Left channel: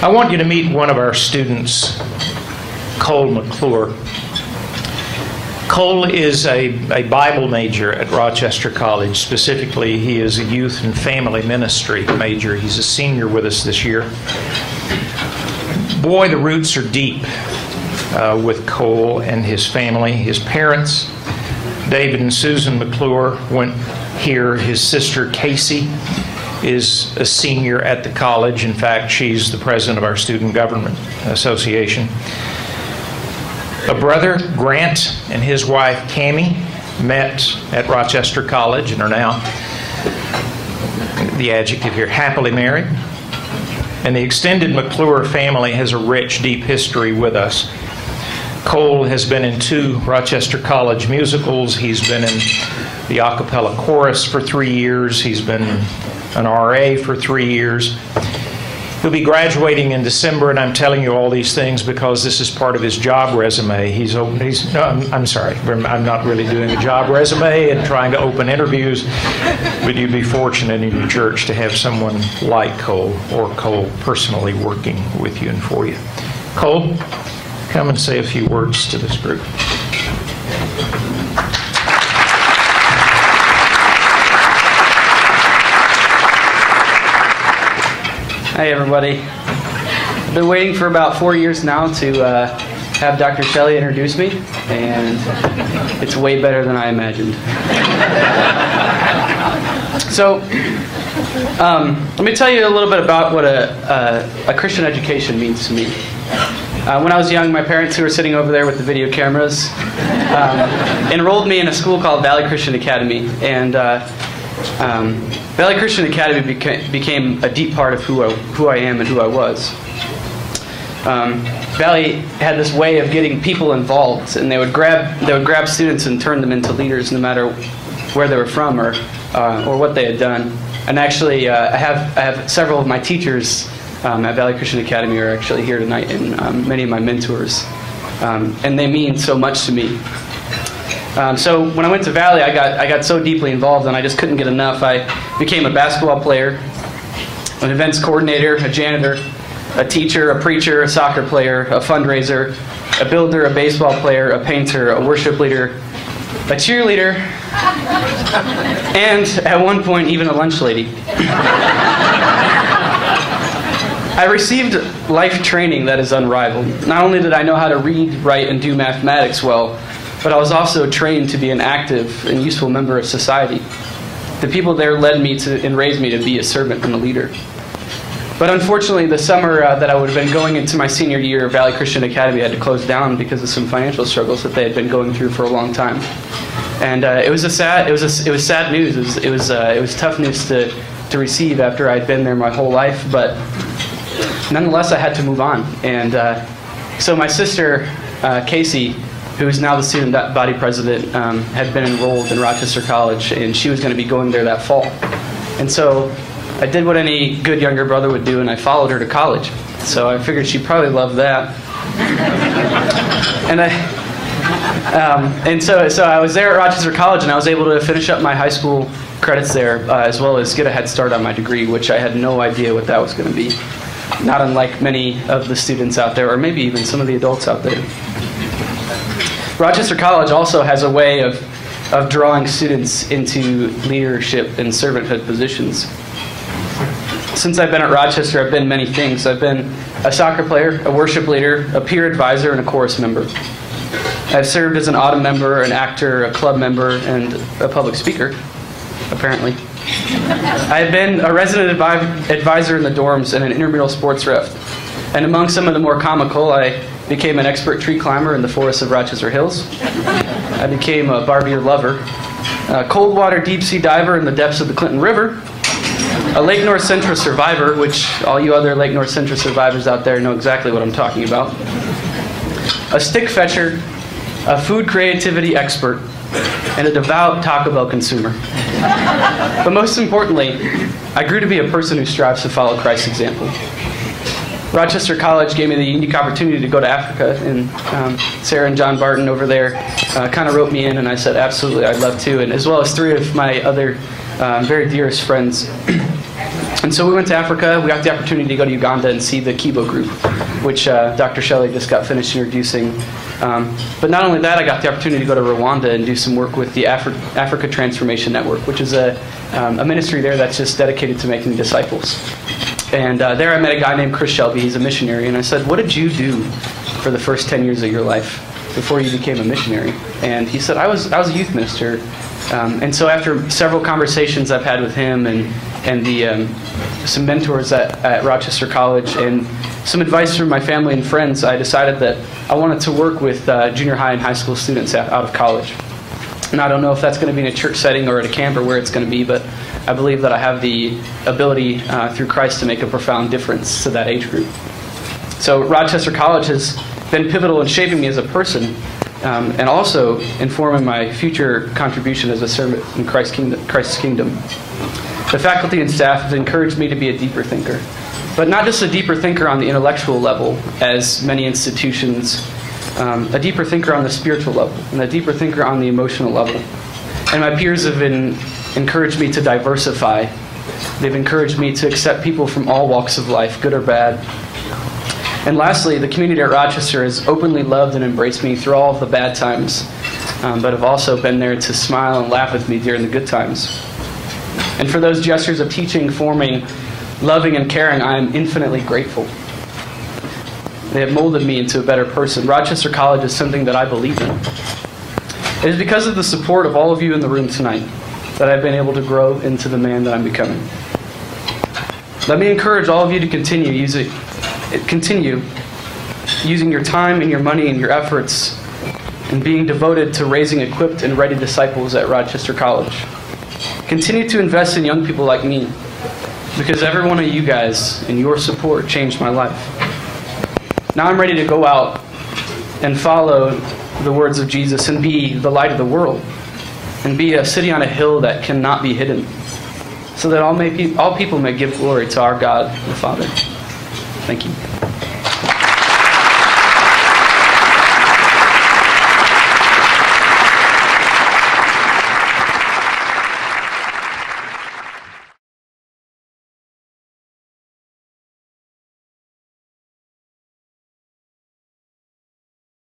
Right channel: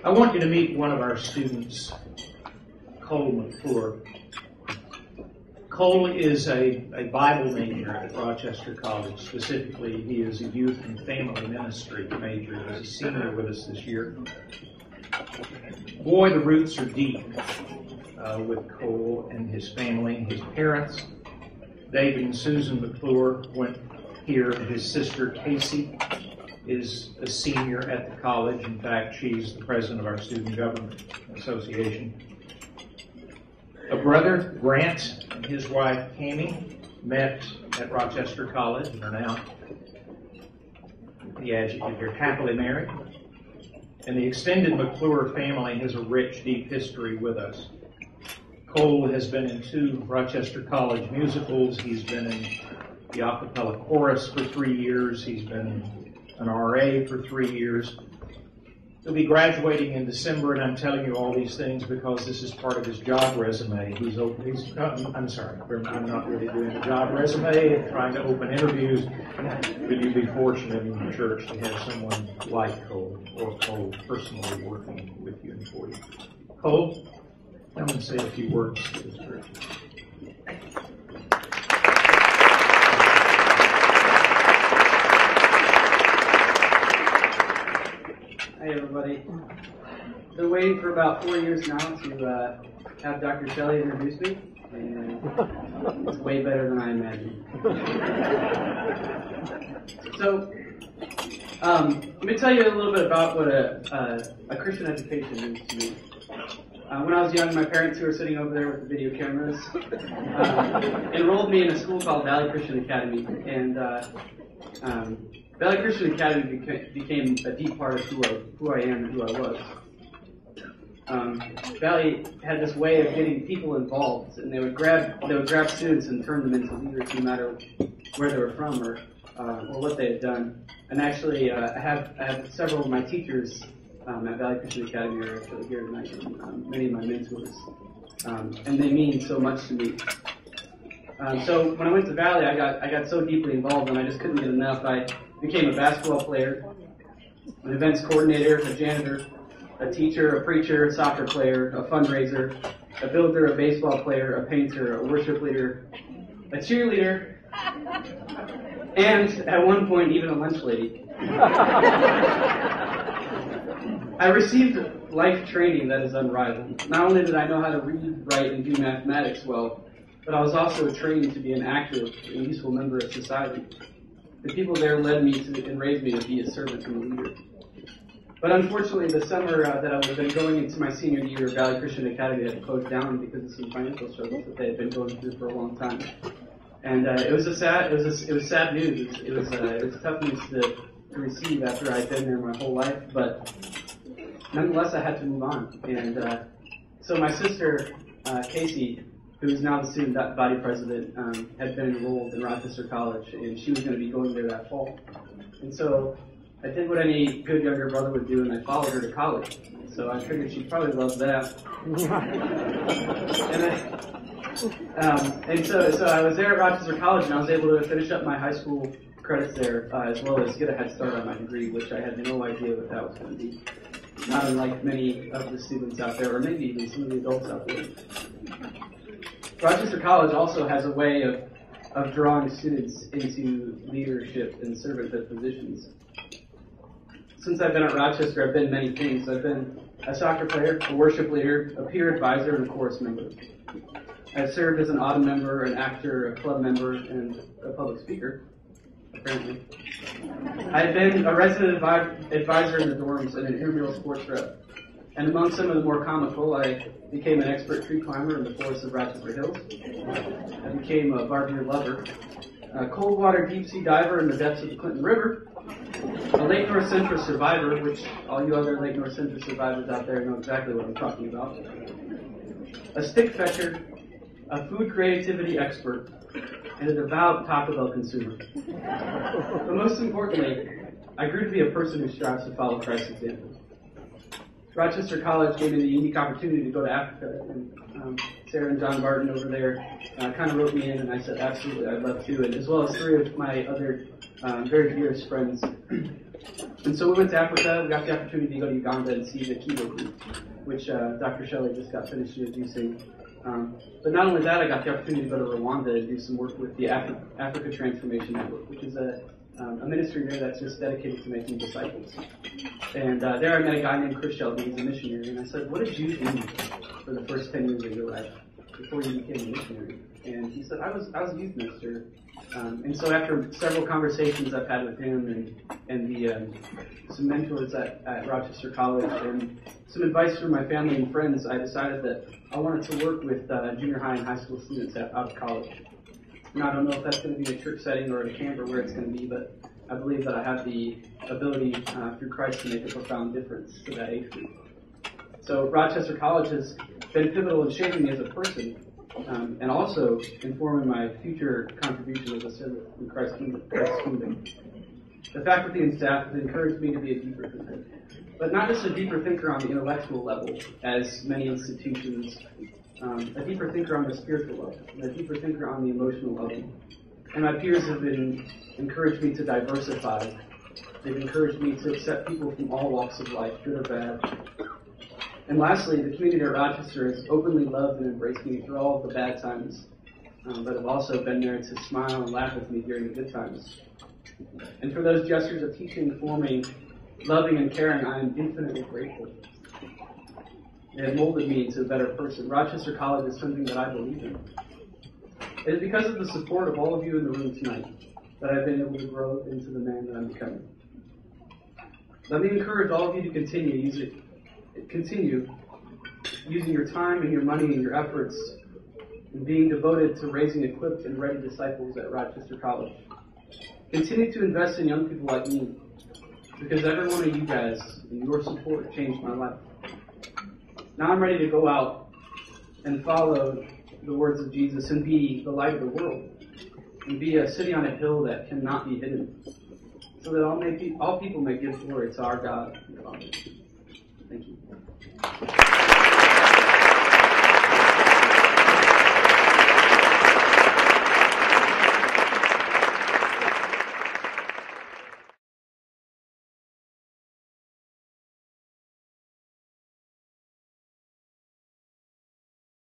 I want you to meet one of our students, Cole McClure. Cole is a Bible major at Rochester College. Specifically, he is a youth and family ministry major. He's a senior with us this year. Boy, the roots are deep with Cole and his family. His parents, David and Susan McClure, went here. His sister, Casey, is a senior at the college. In fact, she's the president of our Student Government Association. A brother, Grant, and his wife, Cammie, met at Rochester College and are now, the adjective here, happily married. And the extended McClure family has a rich, deep history with us. Cole has been in 2 Rochester College musicals. He's been in the a cappella chorus for 3 years. He's been an RA for 3 years. He'll be graduating in December, and I'm telling you all these things because this is part of his job resume. I'm sorry, I'm not really doing a job resume and trying to open interviews, but you'd be fortunate in your church to have someone like Cole, or Cole personally working with you and for you. Cole, come and say a few words to this group. Hi, everybody. I've been waiting for about 4 years now to have Dr. Shelley introduce me, and it's way better than I imagined. So, let me tell you a little bit about what a Christian education means to me. When I was young, my parents, who were sitting over there with the video cameras, enrolled me in a school called Valley Christian Academy, and Valley Christian Academy became a deep part of who I am and who I was. Valley had this way of getting people involved, and they would grab students and turn them into leaders, no matter where they were from or what they had done. And actually, I have several of my teachers at Valley Christian Academy are actually here tonight, and many of my mentors, and they mean so much to me. So when I went to Valley, I got so deeply involved, and I just couldn't get enough. I became a basketball player, an events coordinator, a janitor, a teacher, a preacher, a soccer player, a fundraiser, a builder, a baseball player, a painter, a worship leader, a cheerleader, and at one point even a lunch lady. I received life training that is unrivaled. Not only did I know how to read, write, and do mathematics well, but I was also trained to be an active and useful member of society. The people there led me to and raised me to be a servant and a leader. But unfortunately, the summer that I would have been going into my senior year of Valley Christian Academy had to close down because of some financial struggles that they had been going through for a long time. And it was sad news. It was tough news to receive after I'd been there my whole life. But nonetheless, I had to move on. And so my sister, Casey, who is now the student body president, had been enrolled in Rochester College, and she was going to be going there that fall. And so I did what any good younger brother would do, and I followed her to college. So I figured she'd probably love that. And so I was there at Rochester College, and I was able to finish up my high school credits there, as well as get a head start on my degree, which I had no idea what that was going to be. Not unlike many of the students out there, or maybe even some of the adults out there. Rochester College also has a way of drawing students into leadership and servanthood positions. Since I've been at Rochester, I've been many things. I've been a soccer player, a worship leader, a peer advisor, and a chorus member. I've served as an autumn member, an actor, a club member, and a public speaker, apparently. I've been a resident advisor in the dorms and an intramural sports rep. And among some of the more comical, I became an expert tree climber in the forests of Rochester Hills. I became a barbier lover, a cold water deep sea diver in the depths of the Clinton River, a Lake North Central survivor, which all you other Lake North Central survivors out there know exactly what I'm talking about, a stick fetcher, a food creativity expert, and a devout Taco Bell consumer. But most importantly, I grew to be a person who strives to follow Christ's example. Rochester College gave me the unique opportunity to go to Africa, and Sarah and John Barton over there kind of wrote me in, and I said, absolutely, I'd love to, and as well as 3 of my other very dearest friends. And And so we went to Africa. We got the opportunity to go to Uganda and see the Kibo group, which Dr. Shelley just got finished introducing. But not only that, I got the opportunity to go to Rwanda and do some work with the Africa Transformation Network, which is a ministry there that's just dedicated to making disciples. And there I met a guy named Chris Shelby. He's a missionary. And I said, what did you do for the first 10 years of your life before you became a missionary? And he said, I was a youth minister. And so after several conversations I've had with him and some mentors at Rochester College and some advice from my family and friends, I decided that I wanted to work with junior high and high school students out of college. And I don't know if that's going to be in a church setting or at a camp or where it's going to be, but I believe that I have the ability through Christ to make a profound difference to that age group. So Rochester College has been pivotal in shaping me as a person and also informing my future contribution as a servant in Christ's kingdom. The faculty and staff have encouraged me to be a deeper thinker, but not just a deeper thinker on the intellectual level, as many institutions, a deeper thinker on the spiritual level, and a deeper thinker on the emotional level. And my peers have encouraged me to diversify. They've encouraged me to accept people from all walks of life, good or bad. And lastly, the community at Rochester has openly loved and embraced me through all of the bad times, but have also been there to smile and laugh with me during the good times. And for those gestures of teaching, forming, loving, and caring, I am infinitely grateful. They have molded me into a better person. Rochester College is something that I believe in. It is because of the support of all of you in the room tonight that I've been able to grow into the man that I'm becoming. Let me encourage all of you to continue using your time and your money and your efforts and being devoted to raising equipped and ready disciples at Rochester College. Continue to invest in young people like me, because every one of you guys and your support changed my life. Now I'm ready to go out and follow the words of Jesus and be the light of the world and be a city on a hill that cannot be hidden, so that all people may give glory to our God the Father. Thank you.